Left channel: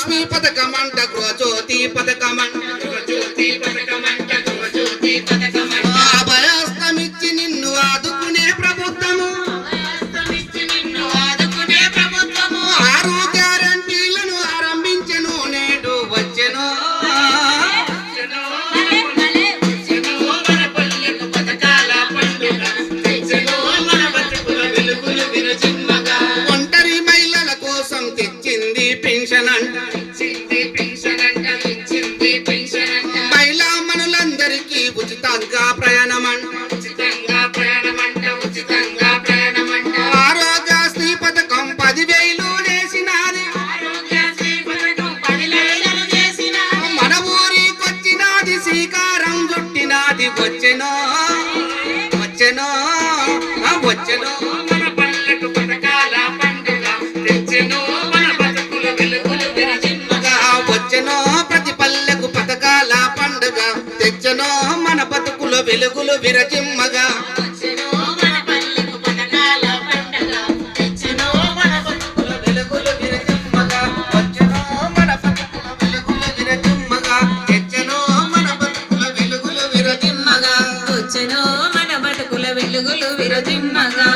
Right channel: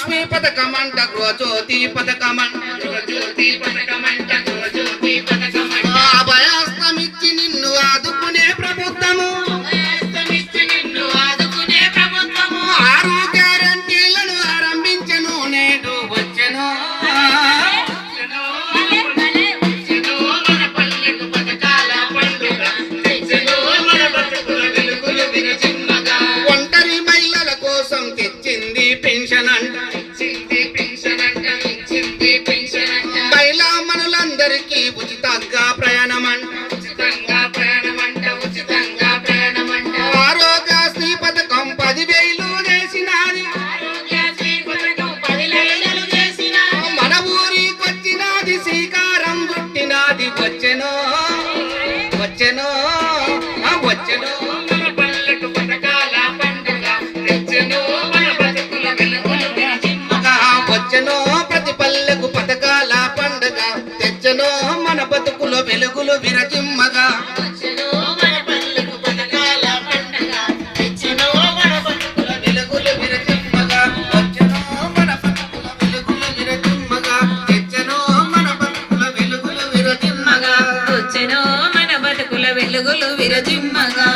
మహాలక్ష్మి పథకమంట గృహజ్యోతి పథకమంట అభయాస్తమిచ్చి నిన్ను ఆదుకునే ప్రభుత్వము ఆరు గ్యారంటీలను ఆరంభించెను నేడు వచ్చెను ఒంటరి మహిళల కోసం తెచ్చింది పెన్షన్ అంట మహిళా మనులందరికీ ఉచితంగా ప్రయాణమంట ఆరోగ్యశ్రీ పథకం 10,000 చేసినాది మన ఊరికొచ్చినాది శ్రీకారం చుట్టినాది వచ్చెనో వచ్చెనో వచ్చెనో వచ్చెనో ప్రతి పల్లెకు పథకాల పండుగ తెచ్చనో మన బతుకుల వెలుగులు విరజిమ్మగా వెలుగులు విరజిమ్మగా వచ్చెనో మన బతుకుల వెలుగులు విరజిమ్మగా తెచ్చనో మన బతుకుల వెలుగులు విరజిమ్మగా వచ్చెనో మన బతుకుల వెలుగులు విరజిమ్మగా